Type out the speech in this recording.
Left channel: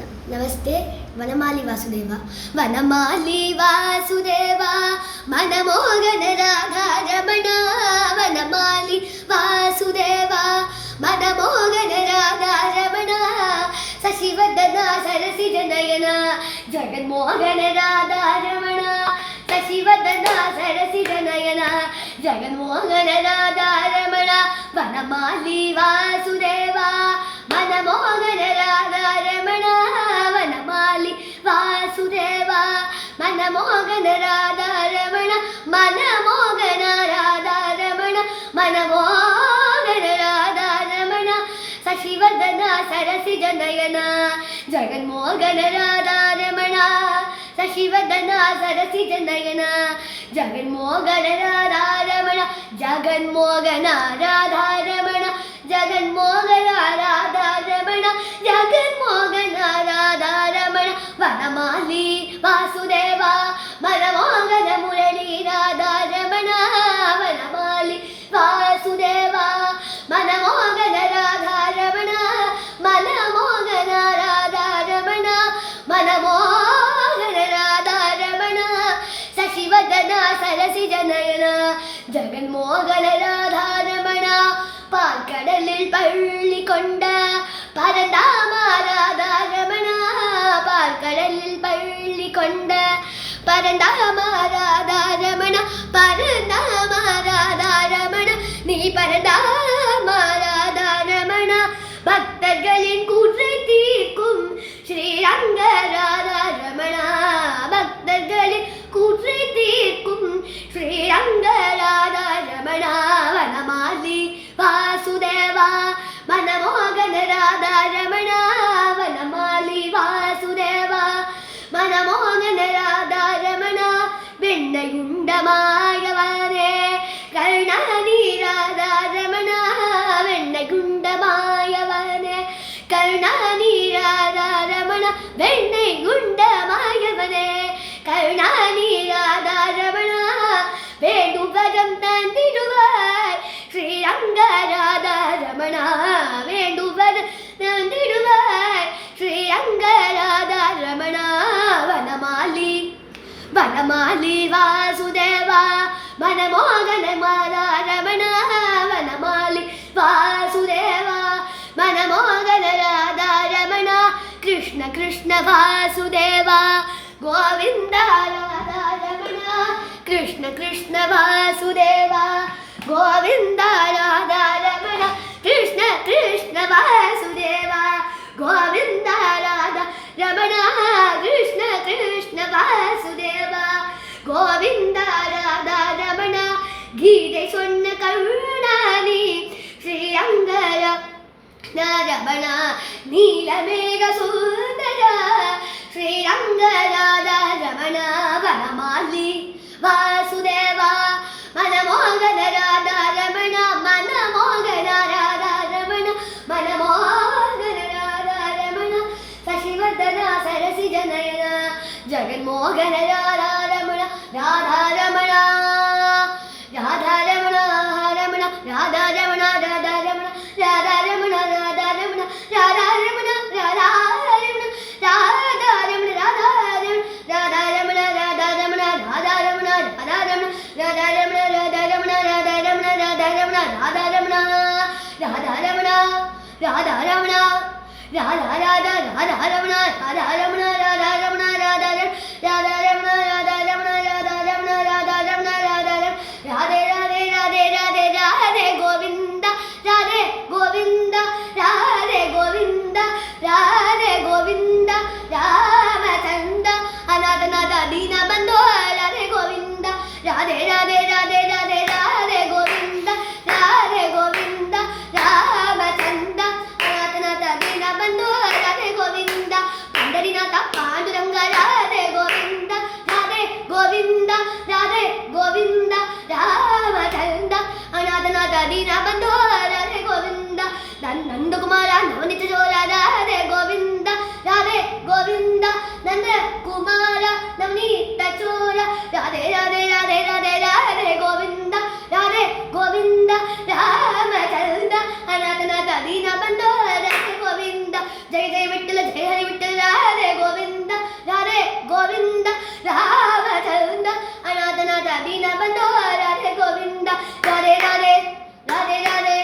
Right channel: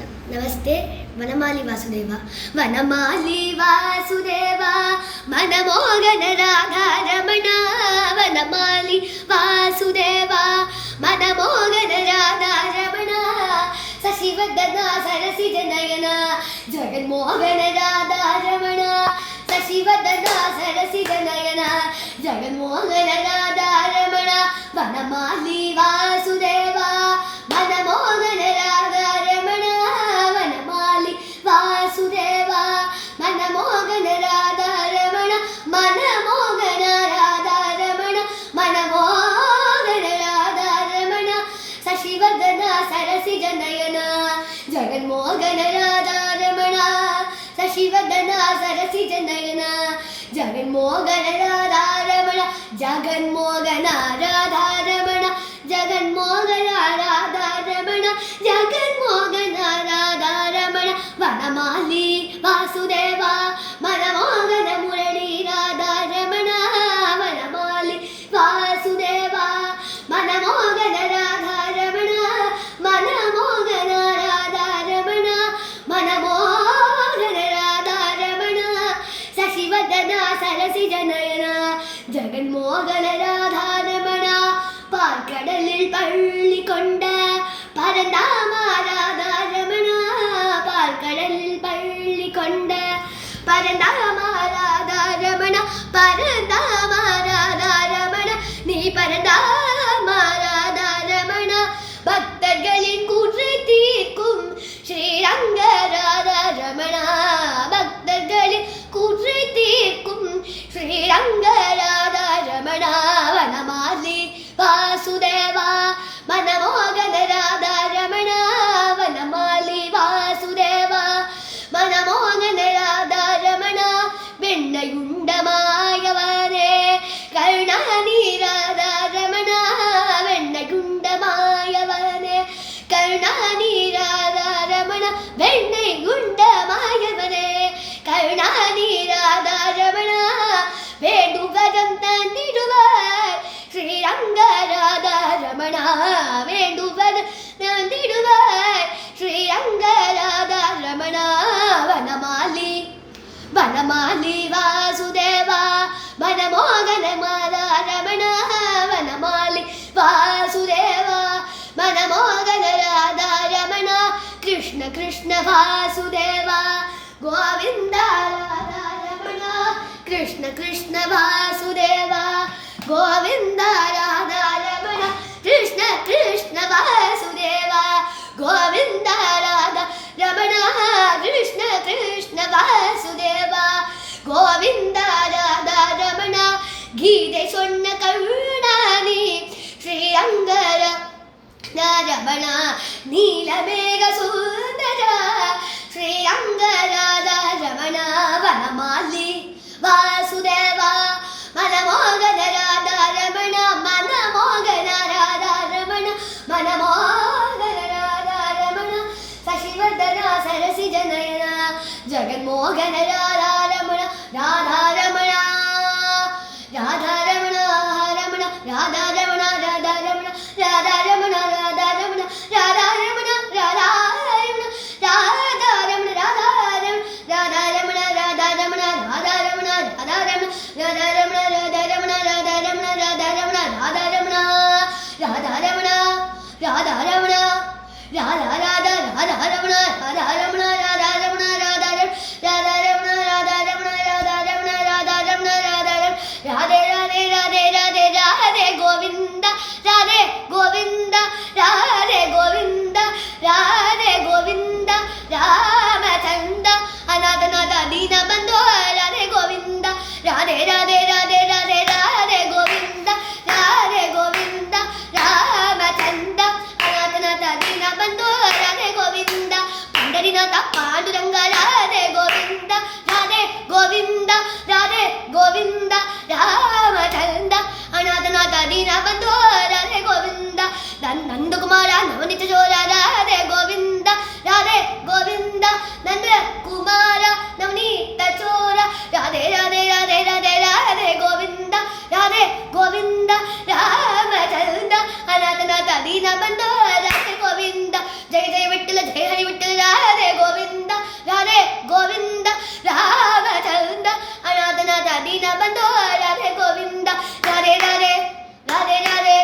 ನಮಸ್ತೆ. ವನಮಾಲಿ ವಾಸುದೇವ. ವನಮಾಲಿ ವಾಸುದೇವ ಮನಮೋಹನ ರಾಧಾರಮಣ. ವನಮಾಲಿ ವಾಸುದೇವ ಮನಮೋಹನ ರಾಧಾರಮಣ. ಶಶಿವದನ ಸರಸಿಜ ನಯನ ಜಗನ್ಮೋಹನ ರಾಧಾರಮಣ. ಶಶಿವದನ ಸರಸಿಜ ನಯನ ಜಗನ್ಮೋಹನ ರಾಧಾರಮಣ. ವನಮಾಲಿ ವಾಸುದೇವ ಮನಮೋಹನ ರಾಧಾರಮಣ. ವನಮಾಲಿ ವಾಸುದೇವ ಮನಮೋಹನ ರಾಧಾರಮಣ. ಮನಮೋಹನ ರಾಧಾರಮಣ. ಮನಮೋಹನ ರಾಧಾರಮಣ. ಶಶಿವರ್ಧನ ಸರಸಿಜ ನಯನ ಜಗನ್ಮೋಹನ ರಾಧಾರಮಣ. ಶಶಿವರ್ಧನ ಸರಸಿಜ ನಯನ ಜಗನ್ಮೋಹನ ರಾಧಾರಮಣ. ಜಗನ್ಮೋಹನ ರಾಧಾರಮಣ. ಜಗನ್ಮೋಹನ ರಾಧಾರಮಣ. ಜಗನ್ಮೋಹನ ರಾಧಾರಮಣ. ವನಮಾಲಿ ವಾಸುದೇವ ಮನಮೋಹನ ಮುರಳಿ ರಾಧಾರಮಣ. ವನಮಾಲಿ ವಾಸುದೇವ ಮನಮೋಹನ ರಾಧಾರಮಣ. ಮನಮೋಹನ ರಾಧಾರಮಣ. ಮನಮೋಹನ ರಾಧಾರಮಣ. ಶಶಿವದನ ಸರಸಿಜ ನಯನ ജഗന്മോഹന രാധാരമണ. പാൽക്കടലിൽ പള്ളിക്കൊണ്ട പരന്താമ രാധാരമണ. പാൽക്കടലിൽ പള്ളിക്കൊണ്ട പരന്താമ രാധാരമണ. പരന്താമ രാധാരമണ. നീ പരന്താമ രാധാരമണ. ഭക്തർകളിൻ കൂറ്റை തീർക്കും ശ്രീരംഗ രാധാരമണ. ഭക്തർകളിൻ കൂറ്റை തീർക്കും ശ്രീരംഗ രാധാരമണ. വനമാലി വാസുദേവ മനമോഹന രാധാരമണ. വനമാലി വാസുദേവ മനമോഹന രാധാരമണ. വെണ്ണയുണ്ടമായവനെ കരുണാനി രാധാരമണ. വെണ്ണയുണ്ടമായവനെ കരുണാനി രാധാരമണ. വെണ്ണയുണ്ടമായവനെ കരുണാനി രാധാരമണ. വേണ്ടുവരം തന്നിടുവാൻ ശ്രീരംഗ രാധാരമണ. വേണ്ടുവരം തന്നിടുവാൻ ശ്രീരംഗ രാധാരമണ. വനമാലി വനമാലി വാസുദേവ മനമോഹന രാധാരമണ. വനമാലി വാസുദേവ മനമോഹന രാധാരമണ. കൃഷ്ണ കൃഷ്ണ വാസുദേവ ഗോവിന്ദ രാധാരമണ. കൃഷ്ണ കൃഷ്ണ വാസുദേവ ഗോവിന്ദ രാധാരമണ. കൃഷ്ണ കൃഷ്ണ വാസുദേവ ഗോവിന്ദ രാധാരമണ. കൃഷ്ണ കൃഷ്ണ വാസുദേവ ഗോവിന്ദ രാധാരമണ. ഗീത സ്വണ്ണ കരുണാനി ശ്രീരംഗര രമണ. നീലമേഘ സുന്ദര ശ്രീരംഗ രാധാരമണ. വനമാലി വാസുദേവ മനമോഹന രാധാരമണ. മനമോഹന രാധാരമണ. മനമോഹന രാധാരമണ. ശശിവർധന സരസിജ നയന ജഗന്മോഹന രാധാരമണ. രാധാരമണ രാധാരമണ രമണ. രാധാരമണ രാധാരമണ രാധാരമണ രാധാരമണ രാധാരമണ രാധാരമണ രാധാരമണ രാധാരമണ രാധാരമണ രാധാരമണ രാധാരമണ രാധാരമണ രാധാരമണ രാധാരമണ രാധാരമണ രാധാരമണ രാധാരമണ രാധാരമണ രാധാ രാധാ രാധാരമണ രാധാരമണ രാധാരമണ രാധാരമണ രാധാരമണ രാധാരമണ രാധാരമണ രാധാരമണ രാധാരമണ. രാധേ രാധേ രാധേ രാധേ രാധേ ഗോവിന്ദ രാധേ ഗോവിന്ദ രാധേ ഗോവിന്ദ രാധേ ഗോവിന്ദ രാമചന്ദ്ര അനാഥനാഥ ദീനബന്ധോ രാധേ ഗോവിന്ദ. രാധേ രാധേ രാധേ രാധേ രാധേ ഗോവിന്ദ രാധേ ഗോവിന്ദ രാമചന്ദ്ര അനാഥനാഥ ദീനബന്ധോ രാധേ ഗോവിന്ദ. പണ്ഡരിനാഥ പാണ്ഡുരംഗ രാധേ ഗോവിന്ദ. രാധേ ഗോവിന്ദ രാധേ ഗോവിന്ദ രാമചന്ദ്ര അനാഥനാഥ ദീനബന്ധോ രാധേ ഗോവിന്ദ. നന്ദകുമാര നവനിത ചോര രാധേ ഗോവിന്ദ. രാധേ ഗോവിന്ദ നന്ദകുമാര നവനീത ചോര രാധേ രാധേ രാധേ രാധേ രാധേ ഗോവിന്ദ. രാധേ ഗോവിന്ദ രാമചന്ദ്ര അനാഥനാഥ ദീനബന്ധോ രാധേ ഗോവിന്ദ. ജയ ജയ വിട്ടല ജയ ഹരി വിട്ടല രാമചന്ദ്ര അനാഥനാഥ ദീനബന്ധോ രാധേ ഗോവിന്ദ രാധേ രാധേ രാധേ രാധേ